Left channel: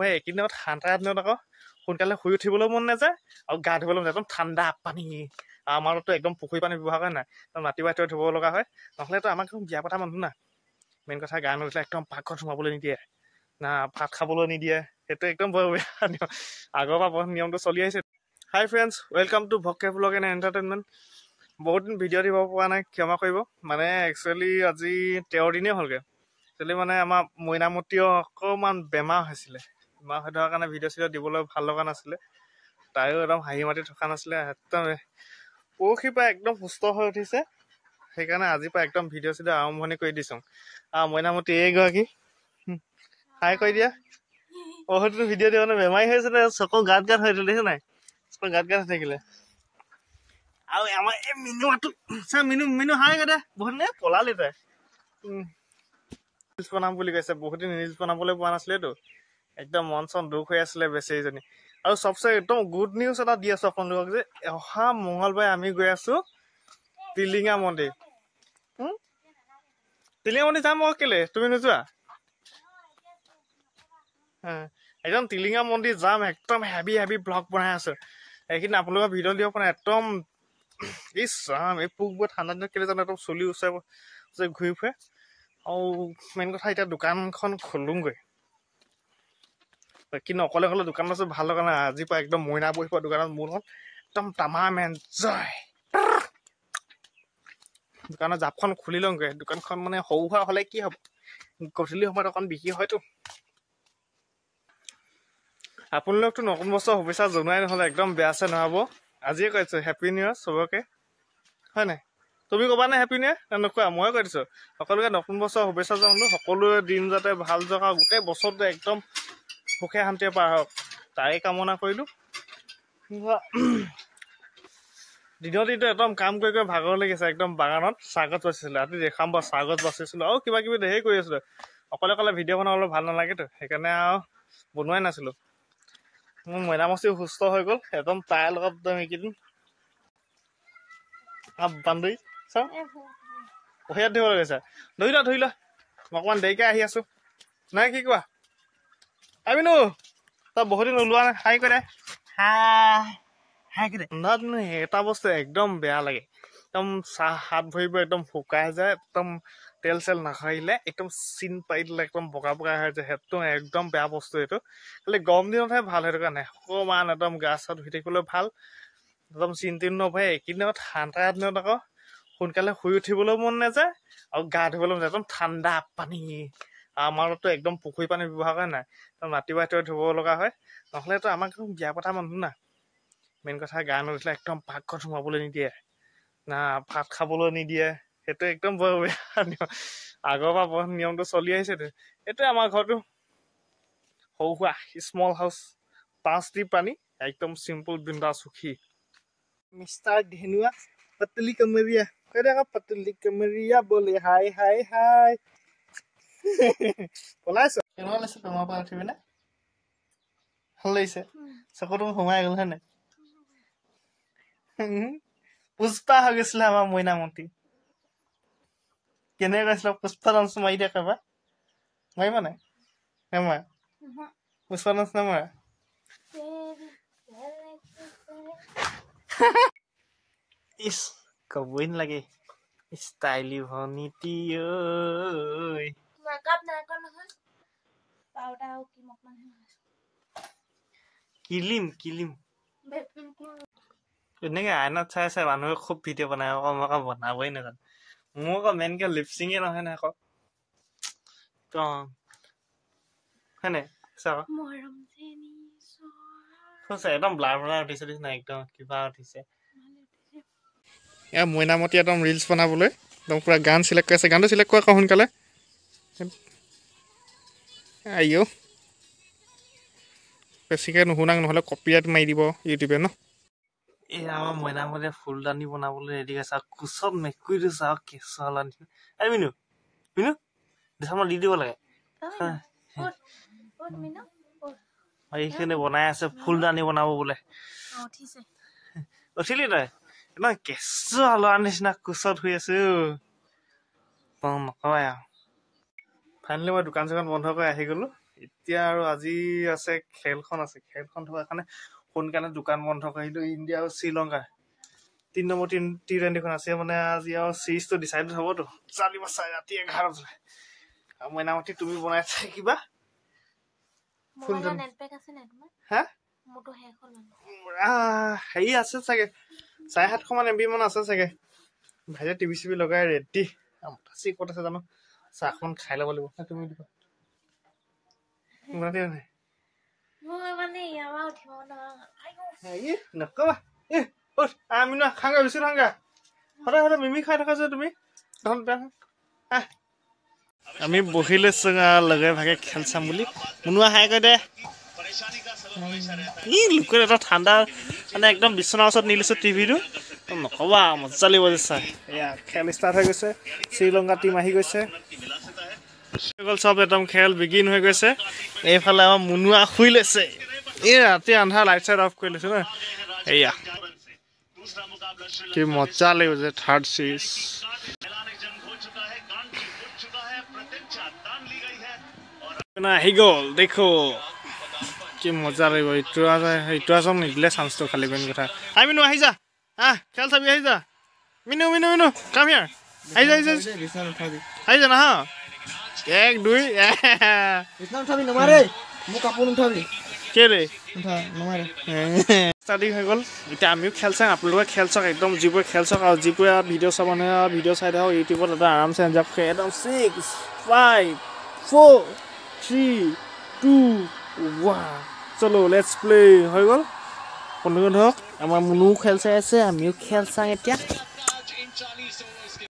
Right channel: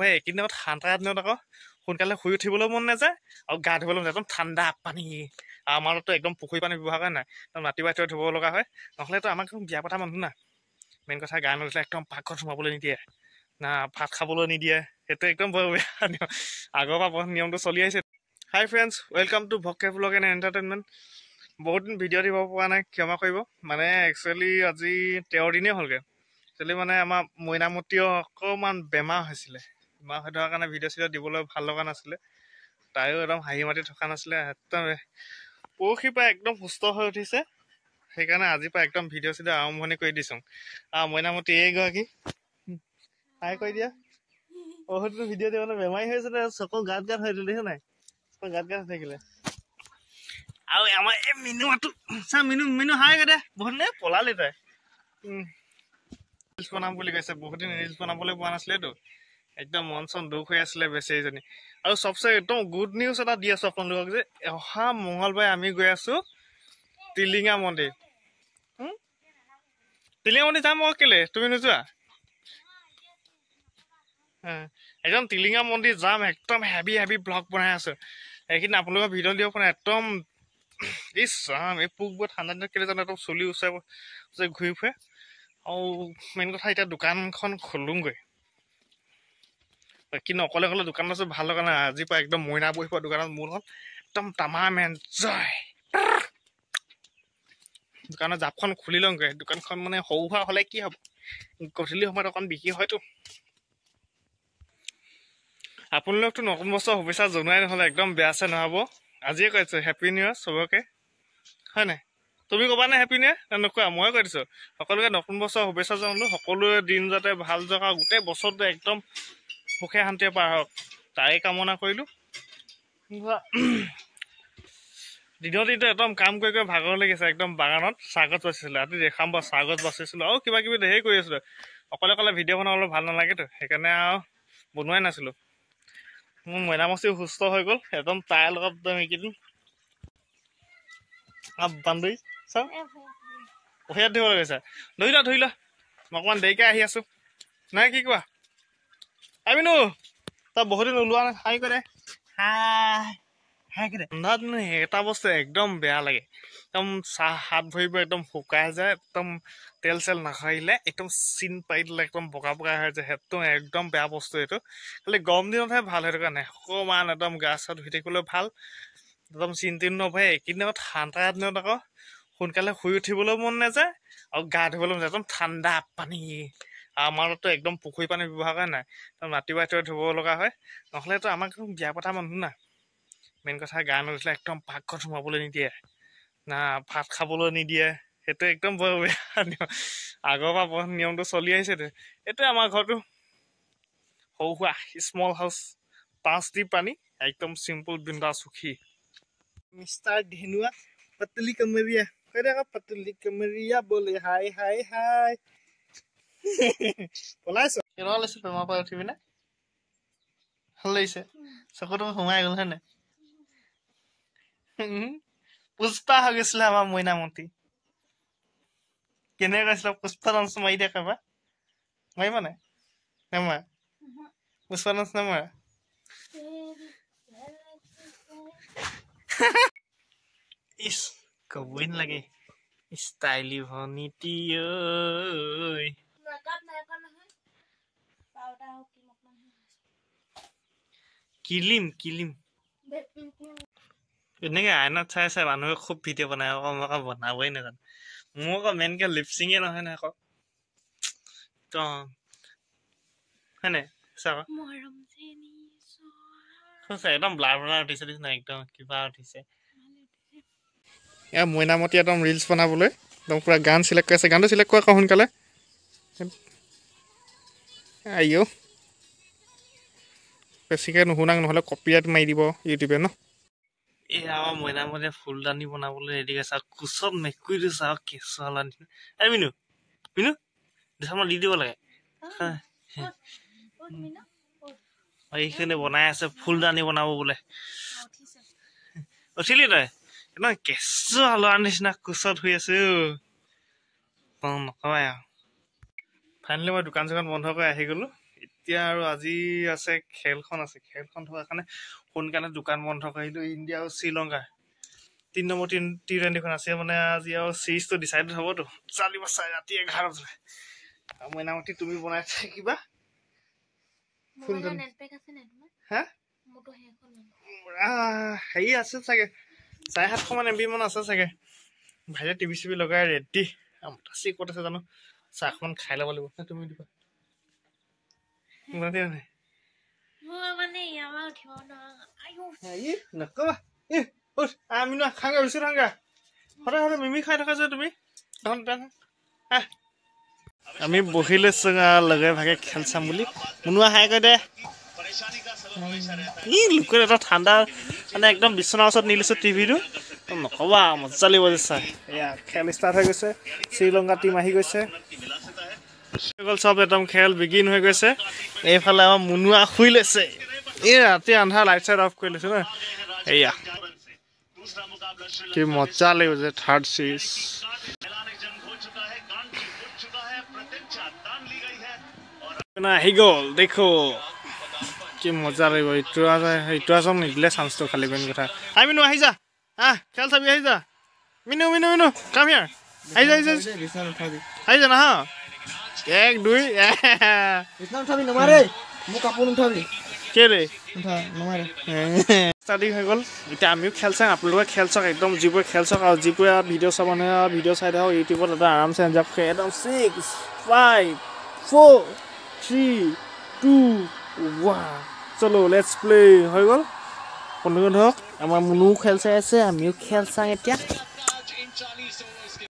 ভাই এইকেইদিনত ঠাণ্ডা দিনত আকৌ সোনকালে শুই উঠিবলৈ মন নাযায় আৰু গা ধুবলৈ একদম ঠাণ্ডা পানী আমাৰতো একদম পুখুৰী পানী ব্যৱহাৰ কৰে নাই ৰাতিপুৱাই ধুব লগা হয় নহ'লেতো আমাক বিয়া পতা মানুহ না মেইন কথা গা নুঠিলে একদম পাকঘৰত সোমাবলৈ নিদিয়ে না ভাত খাবলৈ নিদিয়ে সেইটো একদম বৰ বেয়া আগৰ পৰা নিয়মটো চলি আহিছে হাই ফ্ৰেণ্ডছ ৱেলকাম টু ভকে ব্লগ এণ্ড এণ্টাৰটেইনমেণ্ট বহুত দিন ভিডিঅ' দিব পৰা নাই ক্ষমা কৰিব মানে একচুৱেলি আজি 13 দিনেই হ'লগৈ একচুৱেলি মানে আমাৰ মইনামতীও অকণমান বেমাৰ হৈছিলে বেমাৰ হৈ থকাৰ কাৰণে ভিডিঅ' চিডিঅ' দিবলৈ ভাল লগা নাছিলে তাইও একদম হাঁহি মাতি থকা নাছিলে একদম পৰহিৰ পৰা একদম সুস্থ হৈ উঠিছে সেইকাৰণে আজিৰ পৰা একদম ভিডিঅ' চিডিঅ' আৰম্ভণি কৰি দিছোঁ মইনামতী এইগৰাকী হাই কৈ দিয়া বহুতো ভিডিঅ' দিব মানে বেমাৰী হৈছে চকু গাত হৈ দেখিছে নাই চকু গাত হৈ থাকিলে আৰু আমাৰ এই মিনুটো মিনু হাই কৈ দে বহুত নে পলালি তাই ৰিলছ বনাম বুলি কৈছে বহুত দিন ৰিলছ বনাবলৈ পোৱা নাছিলেতো একদম মন চন দুখ হৈ আছিলে বেচেৰীজনী আৰু চবচে একদম গুড নিউজ এটা দি আছো আপোনালোকক যে অহা মঙলবাৰে আমি গৈ আছো টিলিঙা মন্দিৰ যাম মই কেলে তুমি নোযোৱা একদম টিলিঙা মন্দিৰ যাম একদম হেভি ব্লগ বনাই আছো এইখিনি আপোনালোকৰ ভিডিঅ' দিব পৰা একদম ইছ ৰাম এই পোকবোৰ ঠাণ্ডা দিনত কেলে জানো একদম চলি ওচৰে ঘূৰি ফুৰে আৰু মেইন কথা এতিয়া দোকানখন খোলোগৈ কিন্তু অকলে দোকান আছো ভাল লগা নাই আজিৰ পৰা একদম মইনা বহিব দোকানত মোৰ লগত একদম তামাম এনজয় দোকানৰ জাপখন খুলি লওঁগৈ দোকানখন মানে সৰু সুৰা হ'লে কি হ'ব গধূলি সময়ত অকণ বিক্ৰী হয়তো আপোনালোকতো নতুন বছৰ শুভেচ্ছা জনোৱাই নহ'লে একদম বেয়া আছে নহ'ব আজিয়ে কৈছো হেপী নিউ ইয়াৰ চবকে হয় নাই তুমি ক'বা নে হেপী নিউ ইয়াৰ নোকোৱা ময়ে কৈ দিছোঁ সকলোকে নতুন বছৰ শুভেচ্ছা জনালো সকলোৰে দিন যাতে ভাল যাওক আৰু গোটেই বছৰটো একদম সুখে শান্তিৰে পাৰ হওক তাৰে কামনা কৰিলোঁ দিনৰ দিনটো একদম কাম কৰি ভাগৰ লাগিছে একদম বাগানত চাহগছ বাচিছিলোঁ ৰাতি দেখাম বাৰু চাহগছ বাচিছিলোঁ আৰু কিবা কিবি ধেৰ কৰি আছিলোঁ অকলে ভিডিঅ' বনাবলৈ ভাল নালাগেতো সেইকাৰণে আৰু বনোৱাই নাছিলোঁ মোৰ মইনামচি সুস্থ হৈ গ'ল একদম তাইৰ লগত এইকেইদিন বান্দৰী চাওঁ পহিয়াত ধৰিব লাগিছে ধৰি লোৱা মই অকণমান দেৰিকৈ আহি আছোঁ নাই কি কোৱা আমিনো তই বহুত দিন ওলোৱা নাই হাই কৰে এটা বস্তু একদম বেয়া লাগে একদম চাহ হাত ভৰিব একদম শুকাই যায় একদম তেল চেল নাখাৰিলে একদম চিন পাৰি দিলে একদম বগা হৈ যায় সেইটো একদম বেয়া বস্তু এইটো খালি গৰম দিনতহে ভাল সেইটো কাৰণে অকণমান একদম গা চা ধুই থাকিবলৈ ভাল একদম চিন তিন নভৰে এইকেইদিনত ঠাণ্ডা দিনত আকৌ সোনকালে শুই উঠিবলৈ মন নাযায় আৰু গা ধুবলৈ মন যায় একদম ঠাণ্ডা পানী আমাৰতো একদম পুখুৰী পানী ব্যৱহাৰ কৰে নাই ৰাতিপুৱাই ধুব লগা হয় নহ'লেতো আমাক বিয়া পতা মানুহ না মেইন কথা গা নুঠিলে একদম পাকঘৰত সোমাবলৈ নিদিয়ে না ভাত খাবলৈ নিদিয়ে সেইটো একদম বৰ বেয়া আগৰ পৰা নিয়মটো চলি আহিছেতো এইটোৱে আমাৰ ঘৰটো সৰু সুৰা স্মল হাউচ 5 টি পানী একদম চিম্পল বিন্দা সুখী মিষ্টাৰ ধেনুৱা পতলি কমৰিয়া কৈ দে আকৌ পতলি কমৰিয়া বোলে হাই পলাইছো কেনেকুৱা লাগিছে তোমাৰ পৰা উঠি পিনে ভাল লাগিছে চকুটো সোমাই গ'ল হয় নাই পুষ্পা হৈ গৈছিলে আমাৰ মইনামতী কেনেকৈ কৈছিলা পুষ্পা ডান্স মাৰি দিয়া একেবাৰে মাৰিবা নাই নেমাৰা পুষ্পা ডান্স নেমাৰা ইছ কবই নালাগে ষ্টাইলি ভনীতি কিলিম এনেকে আইনত চাই মানুহে খুব ভিডিঅ' বনাই আকৌ মই আকৌ বনাবই নাজানো মোৰ আকৌ মেইনকে লিপচিঙে নহয় নাই আকৌ হয় নাই চাবা একদম ব্লাৰ উঠিছে নাই একদম কিবা উঠিছে এয়া মইনামতী একদম ৰিলছ বনাবলৈ একদম পুৰা গান চিলেক্ট কৰি আছে গানটো চিলেক্ট কৰা আকৌ সোনকালে আইঅ' বেছিকৈ নুশুনাক নহ'লে কপিৰাইট মাৰি দিব ইউটিউবে ন এই আমাৰ মইনামতীয়ে ফুলদানি বনাবলৈ ৰেডি আছে আৰু কোচত মেকুৰীটো চাওক কেঁচুৱা নিচিনা এই মিনু মই দি দিব লাগে এইখিনি বনাই আছে ফুলদানি বনাব বোলে উঠিলি তই একদম কেঁচুৱা ল'ৰা নিচিনা কোচত শুই আছে নকবাই আৰু ফাইনেলি মই দোকান চোকান বন্ধ কৰি আহি গ'লো এতিয়া আৰু আজি আছে খেলখন থকাৰ কাৰণে সোনকালে দোকান বন্ধ কৰিলোঁ। ইণ্ডিয়া আৰু শ্ৰীলংকাৰ 3 নম্বৰ টি-20খন আছে মানে আজি আৰু চিৰিজটো ডিচাইড হ'বতো। চালিবা চাই ৰাতি 11 বজাত মইনামতি তুমি বনাই থাকিবা। হেৰি আছে চাগে 750 মান MB মান আছে চাগে। ভাইটিয়ে টিভি চিভি লগাই ৰেডি। ক'ত আছে জানো, চাহখন খাই ল'ব লাগিব। তুমি দিবা আমি বহি লৈছো লগে ভাগে খেল চাম বুলি। মুনুৱা হাই কৈ দে। লোকৰ এটা ঠাণ্ডা মানে একদম বিচনাৰ ওচৰত নি লৈছো টিভিটো। নকবা মজা লাগিব যে চাই। এয়া খেল ষ্টাৰ্ট হৈ গৈছে। শ্ৰীলংকা টিম আহি গৈছে। চব একদম খেল বিগিন হৈ গৈছে। এইফালে আমাৰ মুনুৱা শুই লৈছে। এই ৰাতি আন্ধাৰ লাইট চাইট অফ কৰি লৈছো ন। এয়া কি মজা লাগিব যে থাৰ্ড চিৰিজ আহি গ'ল। দেখো কি মজা লাগিব। ইটো আচম নিদিলে চান্সটো খালি মেইন কথা। মিনু আহি যা, খেল চাবি আহি যা। মিনু কাম হিয়াৰ। আহি যা না। 1 2 ষ্টাৰ্টিং হৈ গ'ল। এতিয়া আমিও খেল চাম, আপোনালোকে খেল চাওক। একদম যিবোৰে খেল চাওক আৰু যিবোৰে ভিডিঅ' চাব মানে ভিডিঅ' চাই থাকক ইউটিউবত এটা আৰামছে এনজয় কৰে। একদম 6 5 4 3 2 1 চলো লেটছ প্লে হৈ গ'ল। বন্ধুগণ ধৰক আমাৰ মুনুও খেল চাই আছে, আমিও খেল চাওঁ এতিয়া।